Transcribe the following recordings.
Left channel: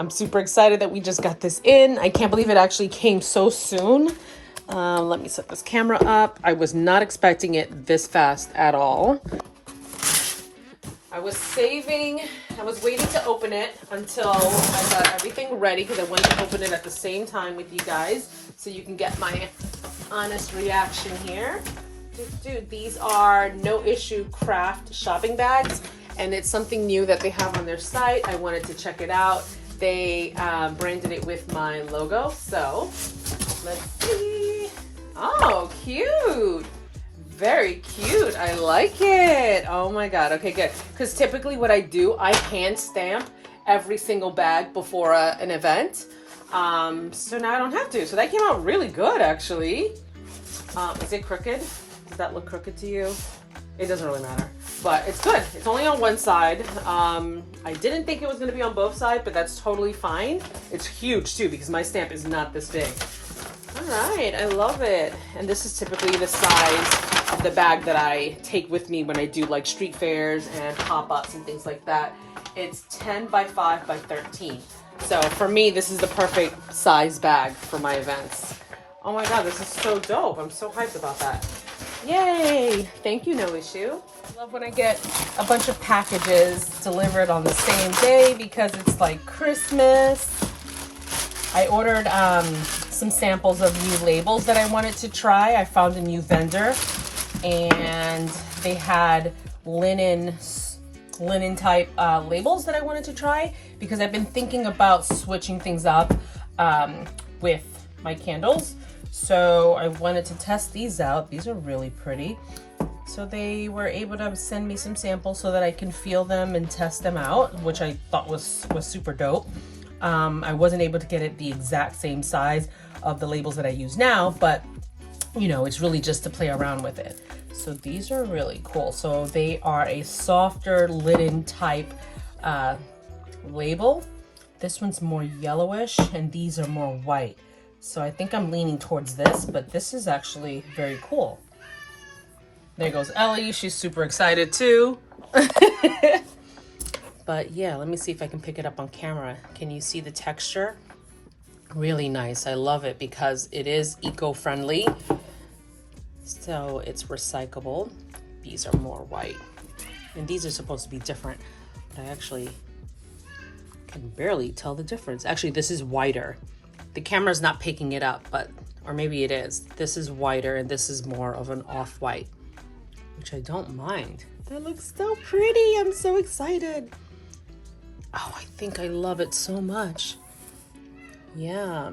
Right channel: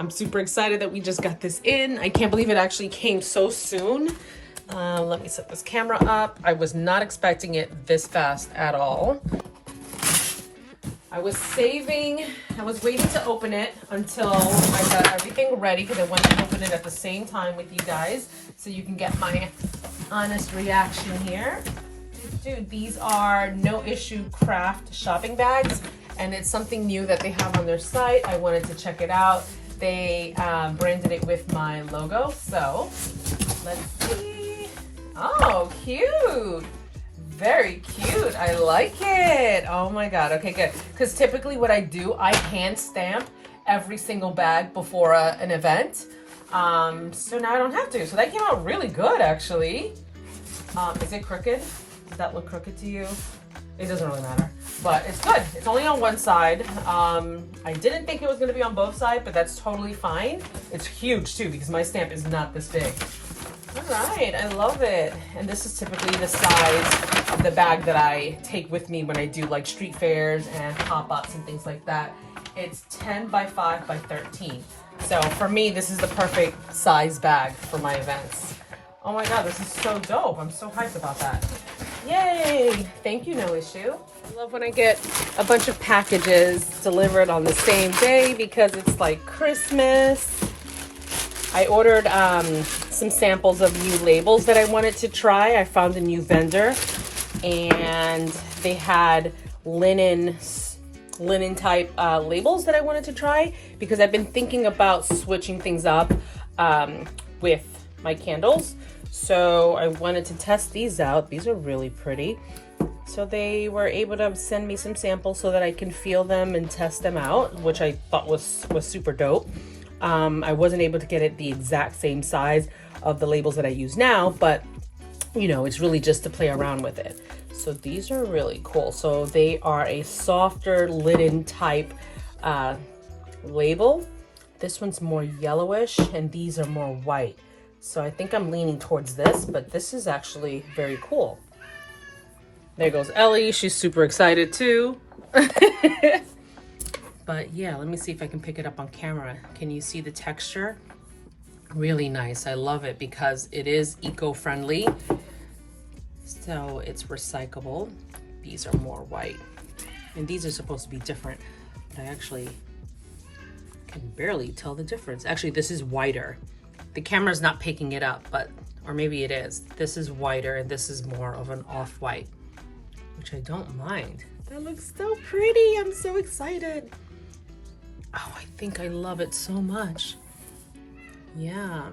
I'm super excited that we just got this in. I can't believe it actually came so soon. Let me set this camera up. I was not expecting it this fast at all. I was waiting to open it until I got everything ready because I wanted to open it at the same time with you guys so you can get my honest reaction here. Dude, these are no issue craft shopping bags, and it's something new that they have on their site. I wanted to check it out. They branded it with my logo, so let's see. Oh, cute. Very cute. I like it. Oh my God. Okay, good. Because typically what I do, I hand stamp every single bag before an event. So now I don't have to. So that came out really good, actually. Is it crooked? Does that look crooked to you? It doesn't really matter. But it's good. It's only on one side. I didn't think it was going to be on both sides, but that's totally fine. It's huge too because my stamp is not this big. All right, I love it. And this is typically the size of the bag that I take with me when I do like street fairs and pop-ups and things like that. It's 10 by 5 by 13. So for me, this is the perfect size bag for my events. Oh my God, this is so dope. I'm so hyped about that. Yay! Thank you, No Issue. I love when I get a bunch of packages delivered on the same day because it's like Christmas. I ordered some samples of new labels that I wanted to try. I found a new vendor and they had linen type labels that I wanted to try because I've been thinking about switching things up with my candles. So I wanted to test these out. These are really pretty. So they were able to send me some samples so that I can feel them and test them out, which I thought was super dope. I wasn't able to get it the exact same size of the labels that I use now, but you know, it's really just to play around with it. So these are really cool. So they are a softer linen type label. This one's more yellowish and these are more white. So I think I'm leaning towards this, but this is actually very cool. There goes Ellie. She's super excited too. But yeah, let me see if I can pick it up on camera. Can you see the texture? Really nice. I love it because it is eco-friendly. So it's recyclable. These are more white. And these are supposed to be different. I actually can barely tell the difference. Actually, this is whiter. The camera's not picking it up, but, or maybe it is. This is whiter and this is more of an off-white, which I don't mind. That looks so pretty. I'm so excited. Oh, I think I love it so much. Yeah.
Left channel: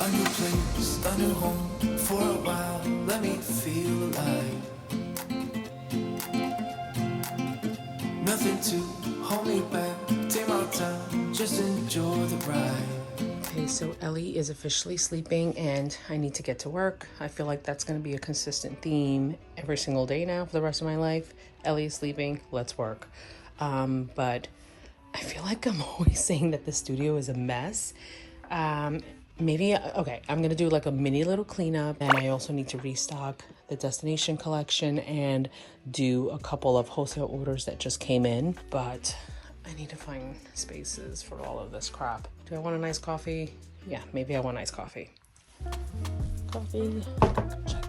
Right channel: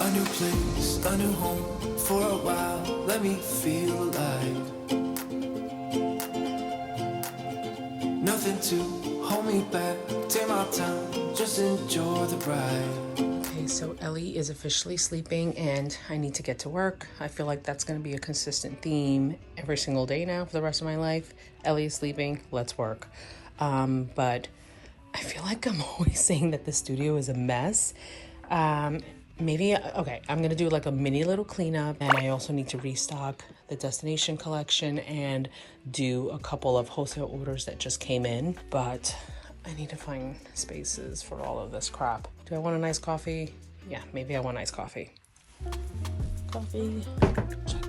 A new place, a new home. For a while, let me feel alive. Nothing to hold me back. Take my time, just enjoy the ride. Okay, so Ellie is officially sleeping and I need to get to work. I feel like that's going to be a consistent theme every single day now for the rest of my life. Ellie is sleeping, let's work. But I feel like I'm always saying that the studio is a mess. Maybe, okay, I'm going to do like a mini little cleanup, and I also need to restock the destination collection and do a couple of wholesale orders that just came in. But I need to find spaces for all of this crap. Do I want a nice coffee? Yeah, maybe I want iced coffee. Coffee. Check.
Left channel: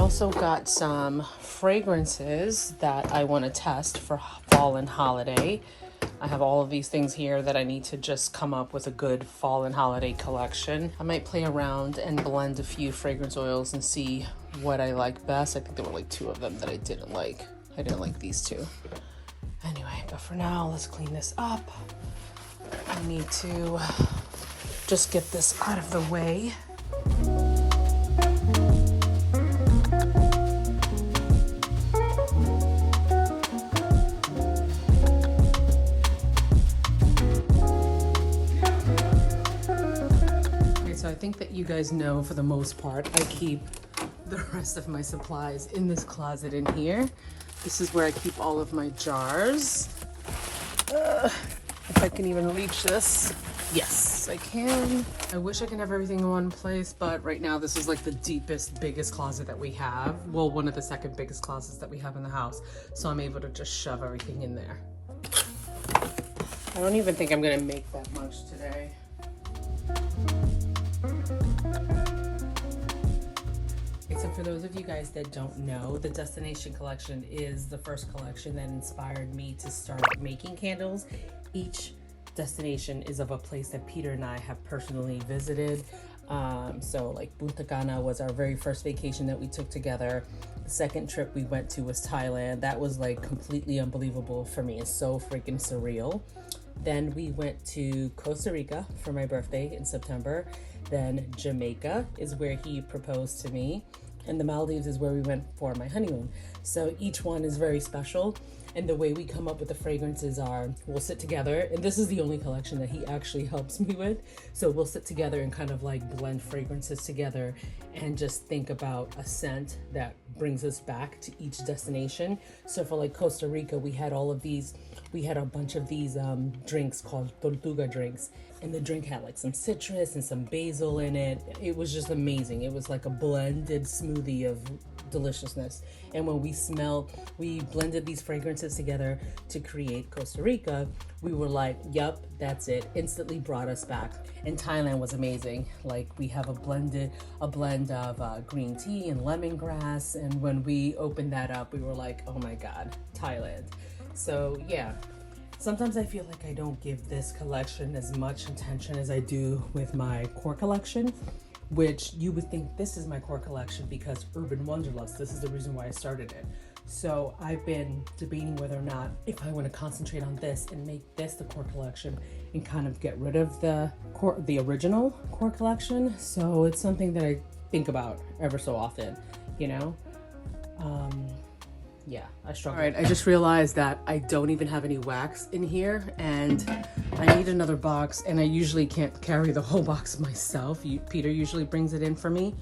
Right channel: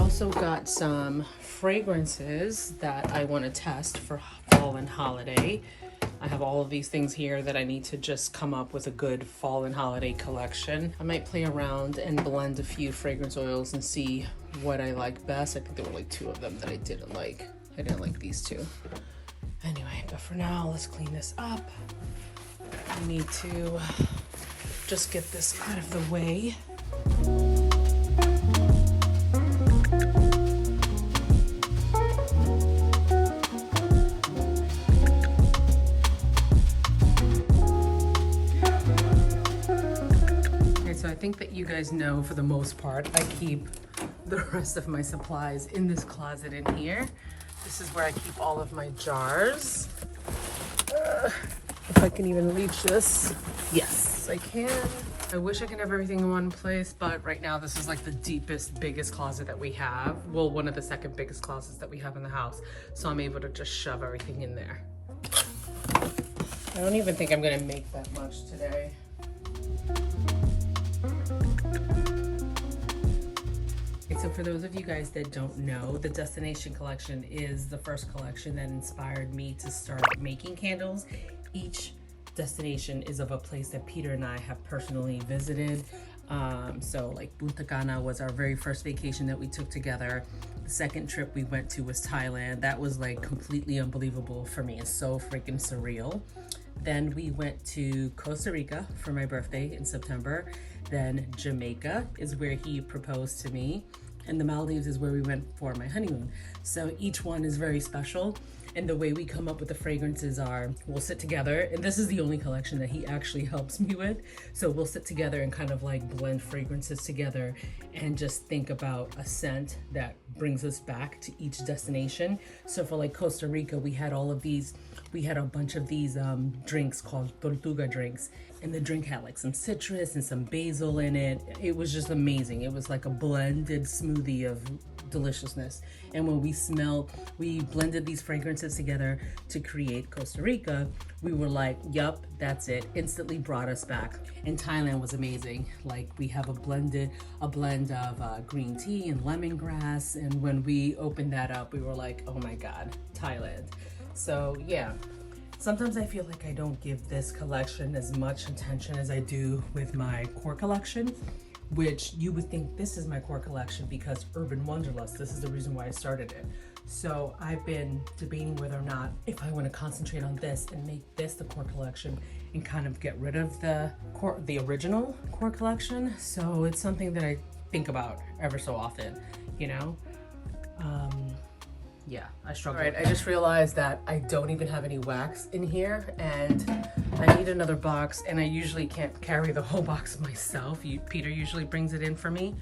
Also got some fragrances that I want to test for fall and holiday. I have all of these things here that I need to just come up with a good fall and holiday collection. I might play around and blend a few fragrance oils and see what I like best. I think there were like 2 of them that I didn't like. I didn't like these 2. Anyway, but for now, let's clean this up. I need to just get this out of the way. guys know, for the most part, I keep the rest of my supplies in this closet in here. This is where I keep all of my jars. If I can even reach this. Yes, I can. I wish I could have everything in one place, but right now this is like the deepest, biggest closet that we have. Well, one of the second biggest closets that we have in the house. So I'm able to just shove everything in there. I don't even think I'm gonna make that much today. So for those of you guys that don't know, the Destination collection is the first collection that inspired me to start making candles. Each destination is of a place that Peter and I have personally visited. So like Punta Cana was our very first vacation that we took together. The second trip we went to was Thailand. That was like completely unbelievable for me. It's so freaking surreal. Then we went to Costa Rica for my birthday in September. Then Jamaica is where he proposed to me. And the Maldives is where we went for my honeymoon. So each one is very special. And the way we come up with the fragrances are, we'll sit together, and this is the only collection that he actually helps me with. So we'll sit together and kind of like blend fragrances together and just think about a scent that brings us back to each destination. So for like Costa Rica, we had all of these, we had a bunch of these drinks called tortuga drinks. And the drink had like some citrus and some basil in it. It was just amazing. It was like a blended smoothie of deliciousness. And when we blended these fragrances together to create Costa Rica, we were like, yup, that's it. Instantly brought us back. And Thailand was amazing. Like we have a blend of green tea and lemongrass. And when we opened that up, we were like, oh my God, Thailand. So yeah. Sometimes I feel like I don't give this collection as much attention as I do with my core collection, which you would think this is my core collection because UrbanWanderlust, this is the reason why I started it. So I've been debating whether or not if I want to concentrate on this and make this the core collection and kind of get rid of the original core collection. So it's something that I think about ever so often, you know? Yeah, I struggle. All right, I just realized that I don't even have any wax in here and I need another box, and I usually can't carry the whole box myself. Peter usually brings it in for me.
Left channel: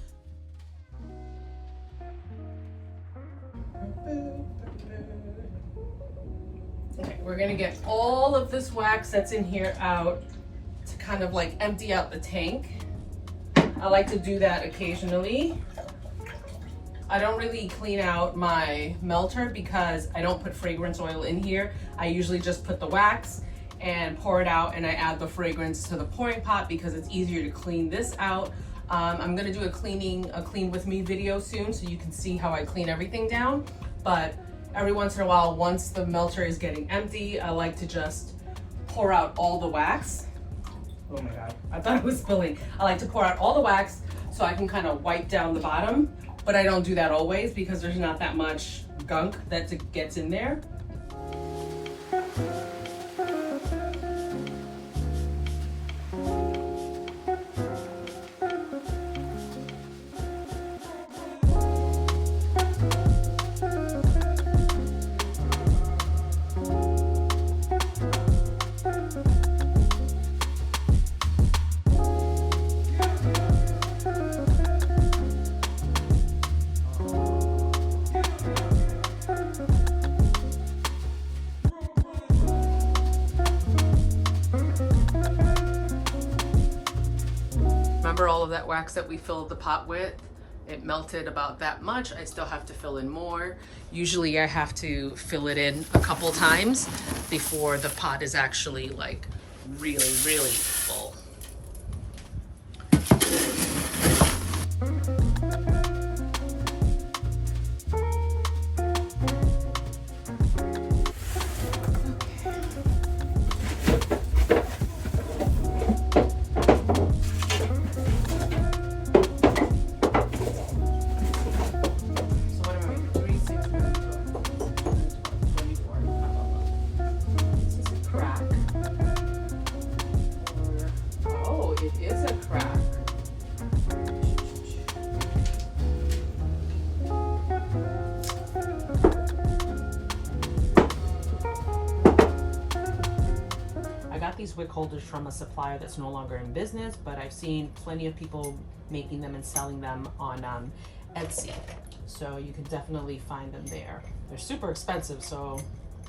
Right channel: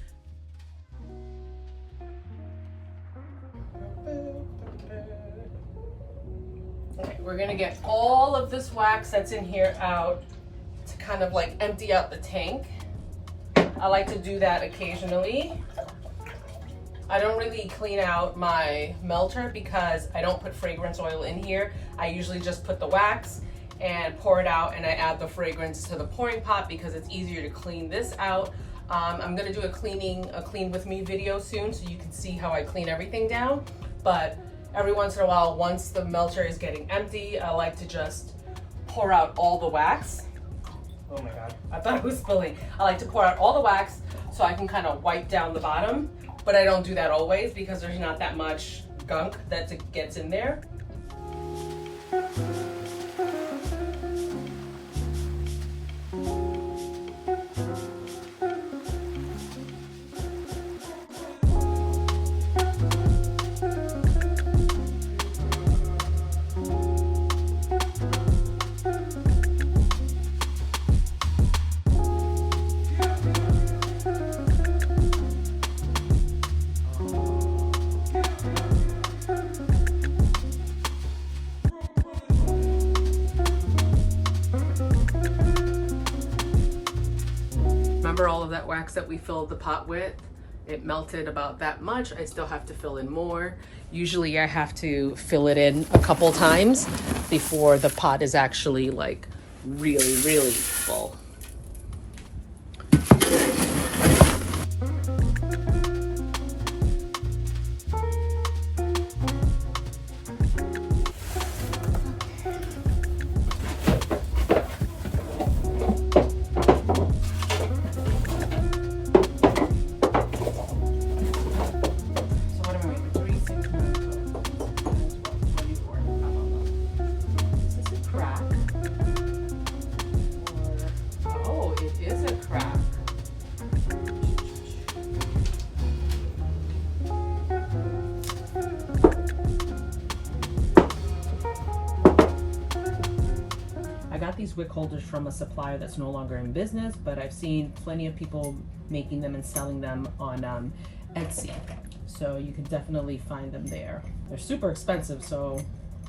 Okay, we're gonna get all of this wax that's in here out to kind of like empty out the tank. I like to do that occasionally. I don't really clean out my melter because I don't put fragrance oil in here. I usually just put the wax and pour it out, and I add the fragrance to the pouring pot because it's easier to clean this out. I'm gonna do a clean with me video soon so you can see how I clean everything down. But every once in a while, once the melter is getting empty, I like to just pour out all the wax. Oh my God, I thought it was spilling. I like to pour out all the wax so I can kind of wipe down the bottom. But I don't do that always because there's not that much gunk that gets in there. Remember all of that wax that we filled the pot with? It melted about that much. I still have to fill in more. Usually I have to fill it in a couple times before the pot is actually like really, really full. got these wick holders from a supplier that's no longer in business, but I've seen plenty of people making them and selling them on Etsy. So you can definitely find them there. They're super expensive, so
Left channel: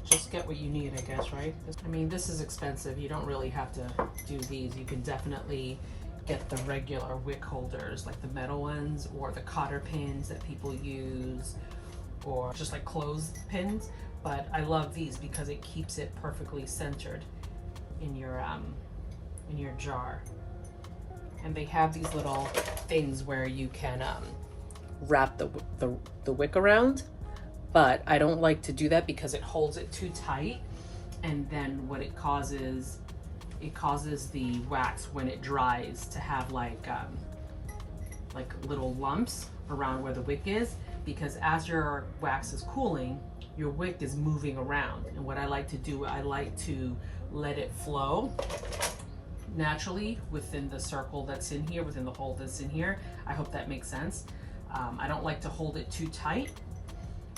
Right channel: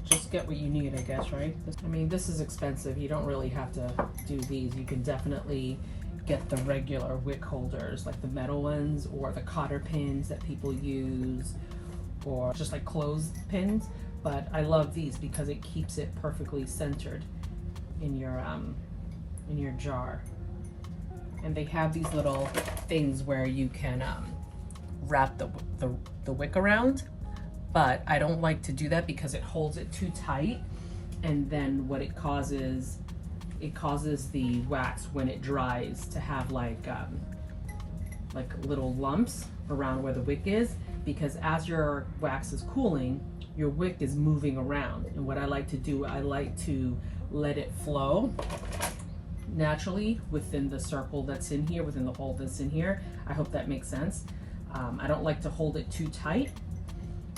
just get what you need, I guess, right? I mean, this is expensive. You don't really have to do these. You can definitely get the regular wick holders, like the metal ones, or the cotter pins that people use, or just like clothes pins. But I love these because it keeps it perfectly centered in your jar. And they have these little things where you can wrap the wick around. But I don't like to do that because it holds it too tight, and then what it causes the wax when it dries to have like little lumps around where the wick is, because as your wax is cooling, your wick is moving around. And what I like to do, I like to let it flow naturally within the circle that's in here, within the hole that's in here. I hope that makes sense. I don't like to hold it too tight,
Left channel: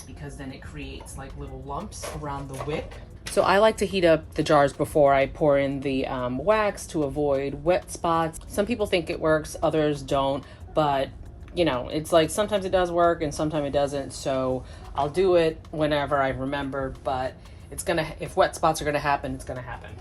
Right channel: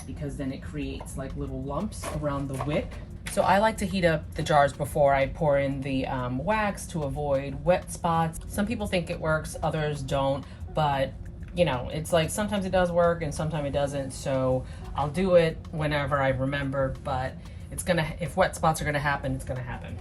because then it creates like little lumps around the wick. So I like to heat up the jars before I pour in the wax to avoid wet spots. Some people think it works, others don't, but you know, it's like sometimes it does work and sometimes it doesn't. So I'll do it whenever I remember, but it's gonna, if wet spots are gonna happen, it's gonna happen.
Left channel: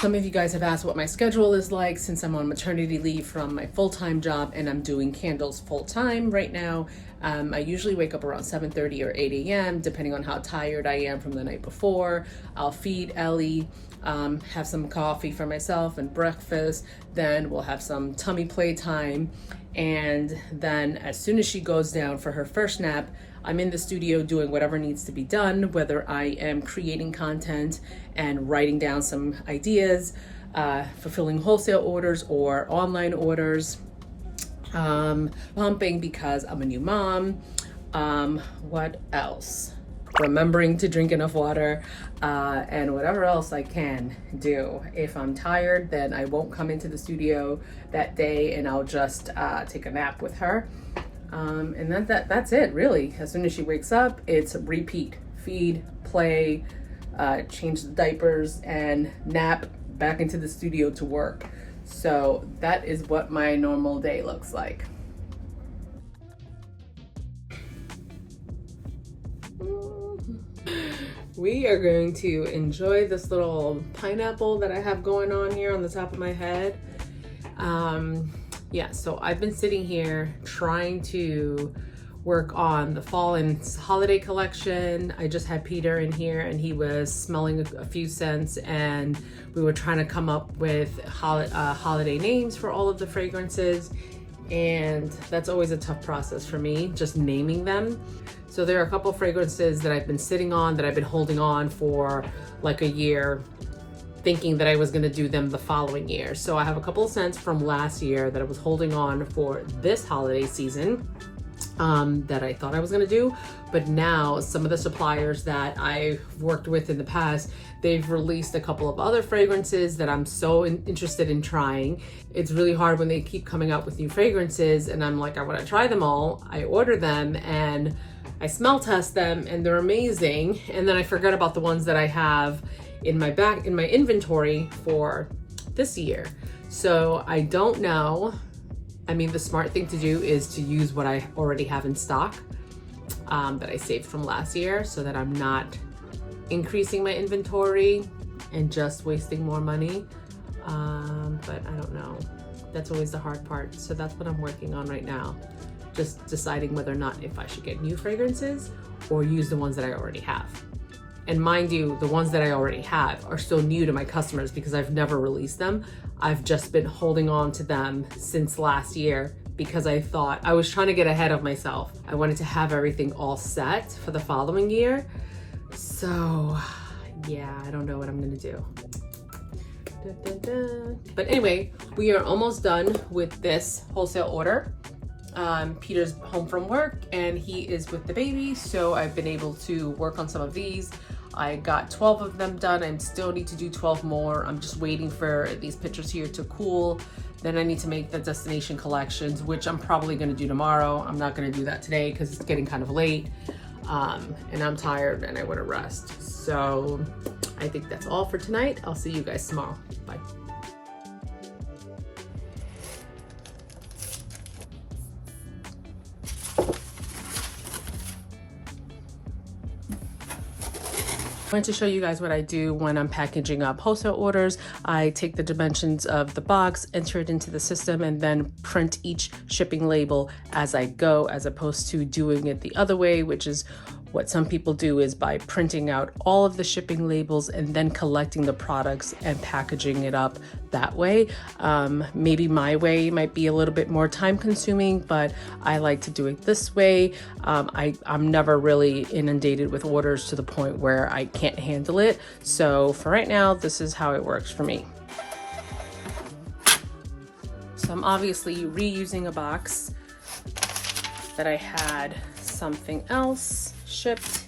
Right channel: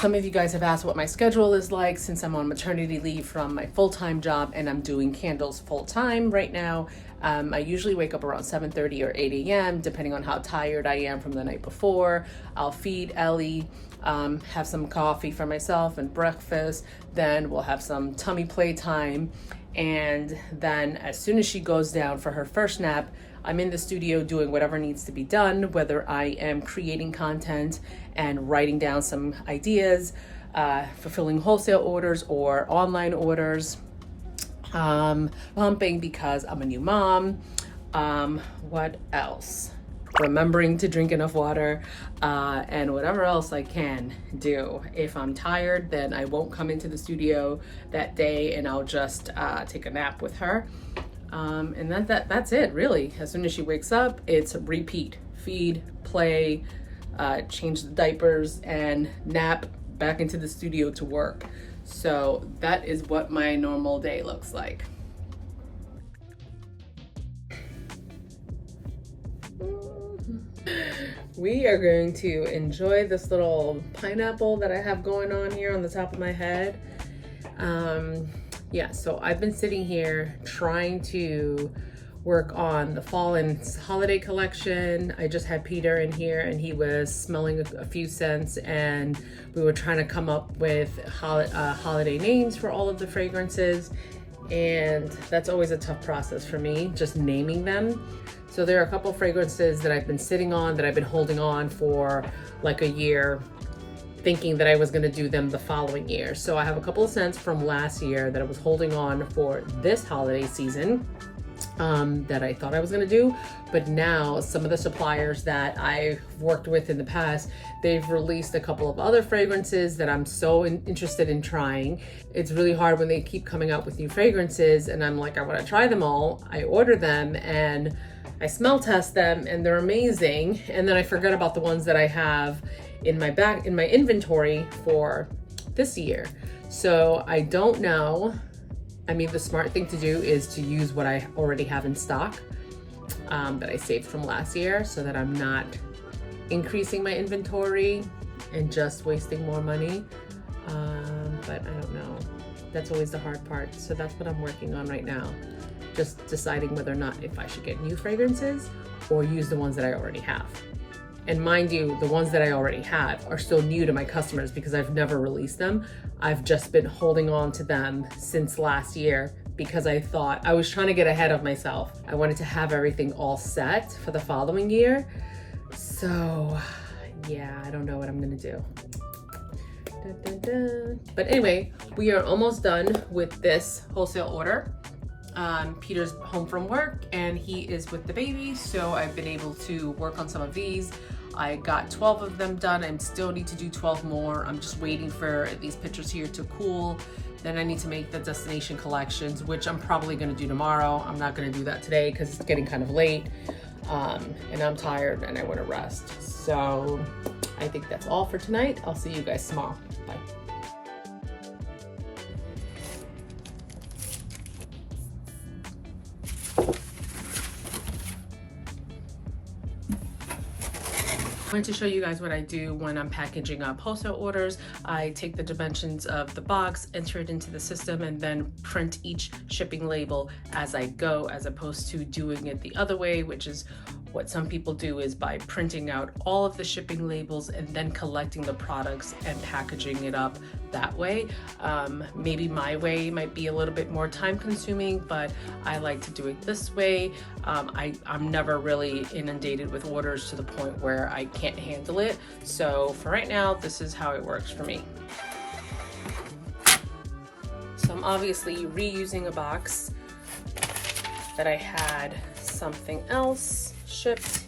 Some of you guys have asked what my schedule is like since I'm on maternity leave from my full-time job and I'm doing candles full-time right now. I usually wake up around 7:30 or 8 a.m. depending on how tired I am from the night before. I'll feed Ellie, have some coffee for myself and breakfast. Then we'll have some tummy play time. And then as soon as she goes down for her first nap, I'm in the studio doing whatever needs to be done, whether I am creating content and writing down some ideas, fulfilling wholesale orders or online orders, pumping because I'm a new mom. What else? Remembering to drink enough water, and whatever else I can do. If I'm tired, then I won't come into the studio that day and I'll just take a nap with her. And that's it, really. As soon as she wakes up, it's repeat. Feed, play, change the diapers, and nap, back into the studio to work. So that is what my normal day looks like. We are going to enjoy this little pineapple that I have going on here on the top of my head. Yeah, so I've been sitting here trying to work on the fall and holiday collection. I just had Peter in here and he was smelling a few scents, and we were trying to come up with holiday names for all of the fragrances. And that's always a tough process for me, just naming them. So there are a couple fragrances that I've been sitting on, that I've been holding on for like a year, thinking that I was gonna do them the following year. So I have a couple of scents from last year that I was holding on for this holiday season that I thought I was gonna do. But now some of the suppliers that I've worked with in the past, they've released a couple of other fragrances that I'm so interested in trying. It's really hard when they keep coming out with new fragrances and I'm like, I wanna try them all. I order them and I smell test them and they're amazing. And then I forget about the ones that I have in my inventory for this year. So I don't know. I mean, the smart thing to do is to use what I already have in stock that I saved from last year, so that I'm not increasing my inventory and just wasting more money. But I don't know. That's always the hard part. So that's what I'm working on right now. Just deciding whether or not if I should get new fragrances or use the ones that I already have. And mind you, the ones that I already have are still new to my customers because I've never released them. I've just been holding on to them since last year because I thought I was trying to get ahead of myself. I wanted to have everything all set for the following year. So yeah, I don't know what I'm gonna do. But anyway, we are almost done with this wholesale order. Peter's home from work and he is with the baby, so I've been able to work on some of these. I got 12 of them done. I still need to do 12 more. I'm just waiting for these pictures here to cool. Then I need to make the destination collections, which I'm probably gonna do tomorrow. I'm not gonna do that today because it's getting kind of late. and I'm tired and I want to rest. So I think that's all for tonight. I'll see you guys tomorrow. Bye. I wanted to show you guys what I do when I'm packaging up wholesale orders. I take the dimensions of the box, enter it into the system, and then print each shipping label as I go, as opposed to doing it the other way, which is what some people do, is by printing out all of the shipping labels and then collecting the products and packaging it up that way. Maybe my way might be a little bit more time consuming, but I like to do it this way. I'm never really inundated with orders to the point where I can't handle it. So for right now, this is how it works for me. So I'm obviously reusing a box that I had something else shipped.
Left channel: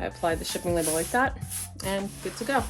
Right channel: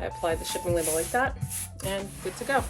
I applied the shipping label like that and good to go.